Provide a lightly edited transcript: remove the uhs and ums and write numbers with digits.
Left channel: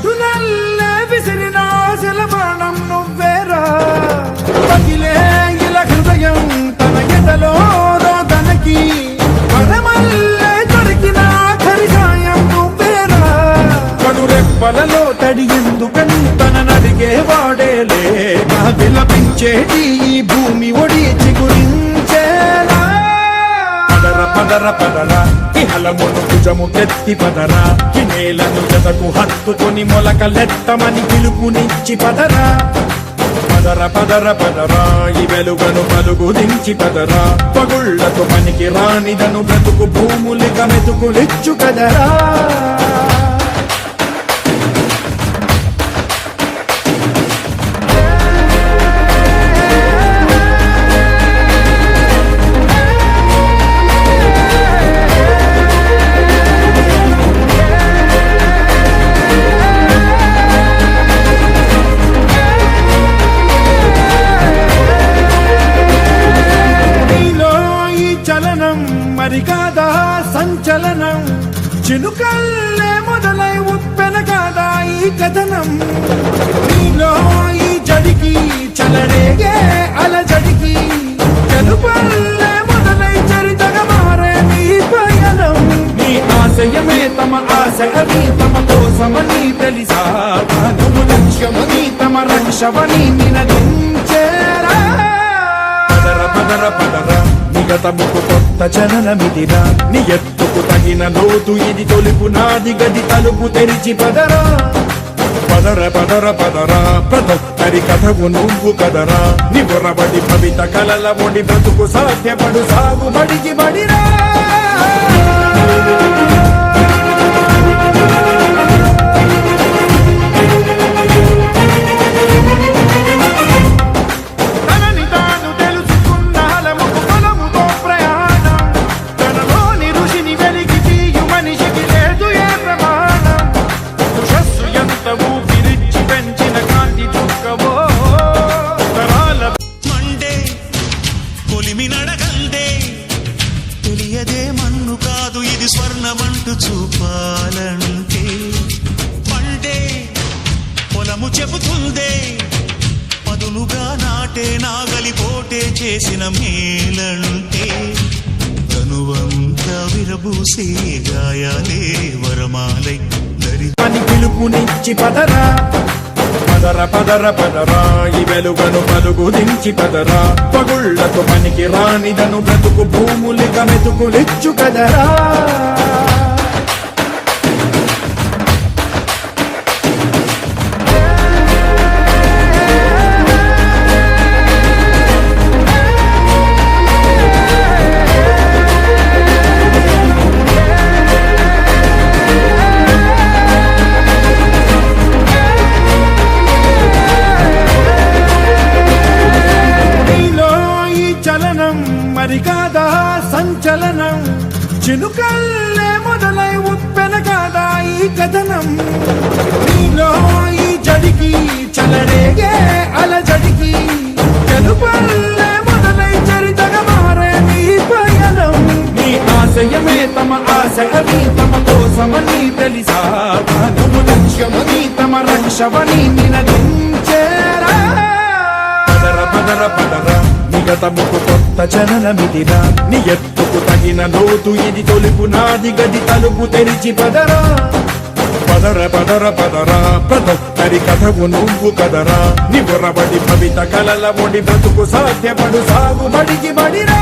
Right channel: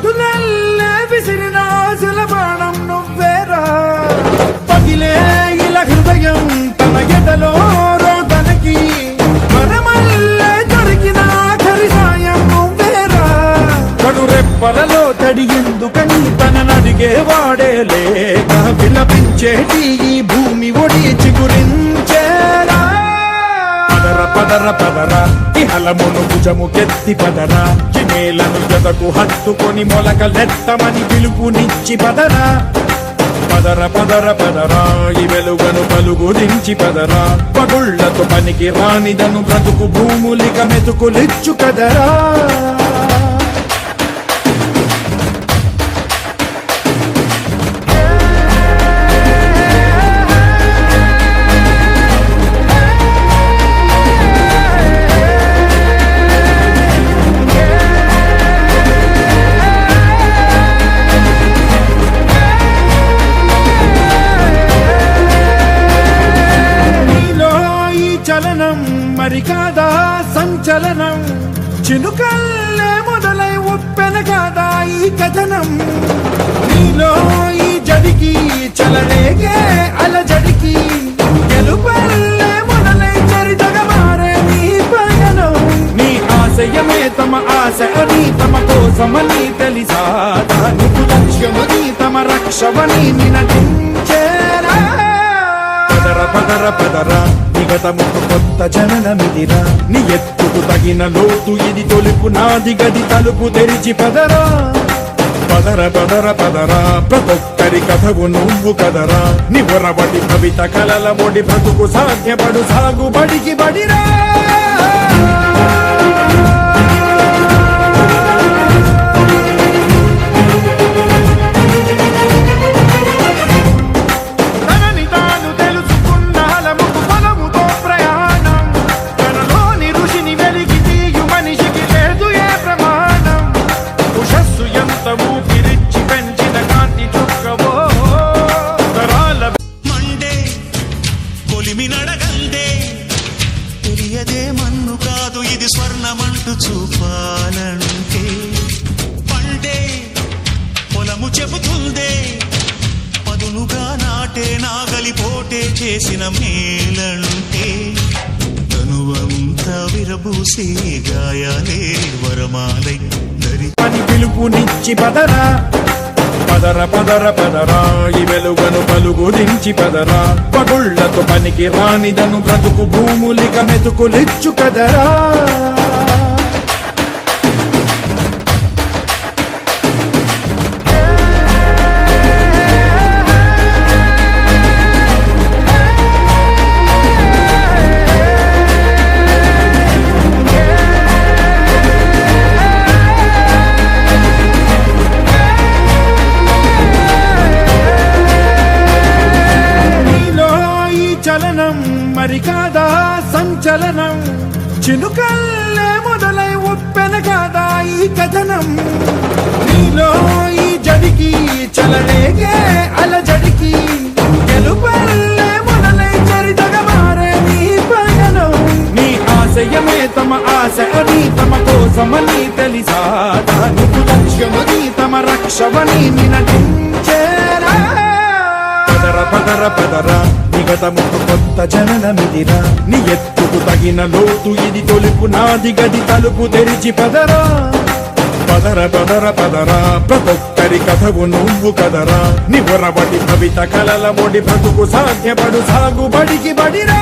పదునల్లే విసిరిన ఆశల బాణం నువ్వేరా పగిలే ఇలా హృదయం తన ఎదలో రోదనకి వరమల్లే దొరికిన ఆఖరి సాయం నువ్వేరా కడురెప్పలలో తడి ఎందుకని తననడిగేవాడే లేక విలపించేటి ఈ భూమి ఒడి చిగురించేరా పదర పదర పదర ఇహలమును భుజము కెత్తి పదరా నేలను ఎదకు హత్తుకొని మొలకలెత్తమని పిలుపునిచ్చి పదరా పదర పదర పదరా ఈ వెలుగను పలుగు దించి పదరా పగుళ్లతో పనికి రానిదను బ్రతుకు భూములిక మెతుకులిచ్చు కదరా మరి కాదా సంచలనం చినుకల్లే మొదలై ఉప్పెన కాదా ఈ కథనం నీలో ఈ జడికి చలనేగే అలజడికి గెలుపల్లే మొదలై చరితగా మారే నీ పయనం నీ ఆశయమే తమ ఆశ అని తమ కోసమని తెలిసా నువ్వు లక్ష్యమని తమ రక్షవని నినదించేరా పదర పదర పదర గతముకు కొత్త జననమిదిరా నీ ఎత్తుకు తగిన లోతు ఇది తొలుపు నాది గది తలుపు తెరిచి పదరా పదర పదర పదరా ప్రతొక్కరి కథకు నువ్వు కదరా నివరబడి భవిత కలల ఒడి బ్రతుకు సాధ్యపడు సాగుబడికి బడిరా తెలియదే మన్ను కాదు ఇది స్వర్ణమంటూ చూపాలంటే పండే పొలము చెబుతుందే పదునుగా నాటే నాగలి పోటే చేసిన మేలంటే తనువంతా విరబూసే గాయాలే వరమాలై దరి పిలుపునిచ్చి పదరా పదర పదర పదరా ఈ వెలుగను పలుగు దించి పదరా పగుళ్లతో పనికి రానిదను బ్రతుకు భూములిక మెతుకులిచ్చు కదరా మరి కాదా సంచలనం చినుకల్లే మొదలై ఉప్పెన కాదా ఈ కథనం నీలో ఈ జడికి చలనేగే అలజడికి గెలుపల్లే మొదలై చరితగా మారే నీ పయనం నీ ఆశయమే తమ ఆశ అని తమ కోసమని తెలిసా నువ్వు లక్ష్యమని తమ రక్షవని నినదించేరా పదర పదర పదర గతముకు కొత్త జననమిదిరా నీ ఎత్తుకు తగిన లోతు ఇది తొలుపు నాది గది తలుపు తెరిచి పదరా పదర పదర పదరా ప్రతొక్కరి కథకు నువ్వు కదరా నివరబడి భవిత కలల ఒడి బ్రతుకు సాధ్యపడు సాగుబడికి బడిరా